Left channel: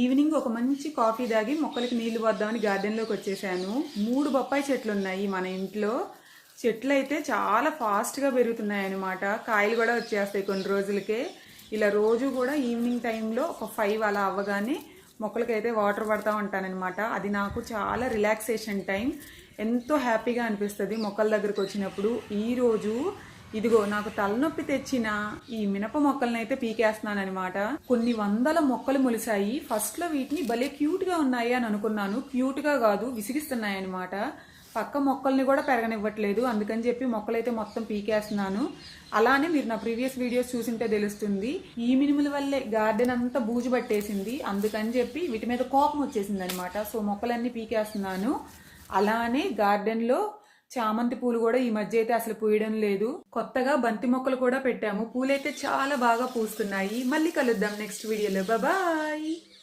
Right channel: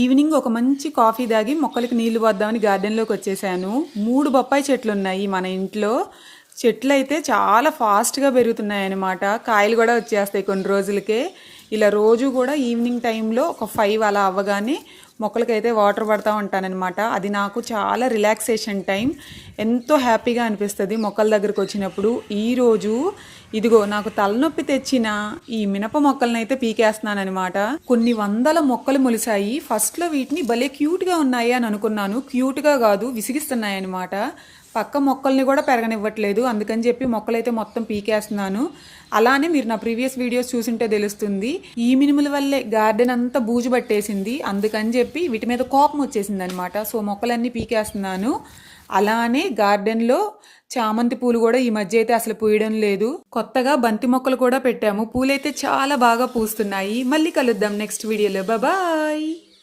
Evening ఒక మంచి coffee తాగి మొక్కలకి నీళ్లు పోద్దామని గార్డెన్లోకి వచ్చేసాను. 3 బొప్పాయి చెట్లు ఉన్నాయి మన ఇంట్లో. చెట్లు అయితే చాలా ఫాస్ట్గా పెరుగుతున్నాయి అన్నమాట. కాయలు కూడా వచ్చేస్తాయి కొన్ని రోజులకే. ఇలా రోజు కూడా ఈవినింగ్ టైంలో ఒక 5 అలా అవ్వగానే మొక్కలకైతే వాటర్ పడతా ఉంటానన్నమాట. అది నాకు చాలా రిలాక్సేషన్ టైం. ఎంతో హ్యాపీగా అనిపిస్తుంది మొక్కల దగ్గరకు వచ్చినప్పుడు. ఈరోజు ఇదిగో నాకు తలనొప్పి తెచ్చిన ఈ మినప మొక్కలను అయితే పీకేస్తున్నానమాట. కొన్ని వందల మొక్కలు మొలిసాయి. ఫస్ట్లో వీటిని భలే క్యూట్గా ఉన్నాయి అని అనుకున్నాను. క్యూట్గా కాదు, విసిగిస్తున్నాయి అనమాట. పక్క మొక్కల్ని కూడా పెరగనివ్వట్లేదు. అందుకని చెప్పి మొక్కలైతే మొత్తం పీకేస్తున్నాను. అలానే మీరు నా ప్రీవియస్ వీడియోస్ చూసింటే తెలుస్తుంది. ఈ మినుముల వల్లే గార్డెన్ అంతా బూజు పట్టేసింది. అందుకని చెప్పి వీటి మీద కోపం వచ్చేసింది అనమాట. సో మొక్కలన్నీ పీకేస్తున్నాను. అలానే గార్డెన్లో చామంతి పూలు కూడా ఈ మధ్య అయితే అసలు పూయడం లేదు. కొత్తగా బంతి మొక్కలు కూడా పెట్టాము. పూలైతే చాలా బాగా పూస్తున్నాయి. మళ్ళీ కలుద్దాం నెక్స్ట్ వీడియోలో. బాయ్.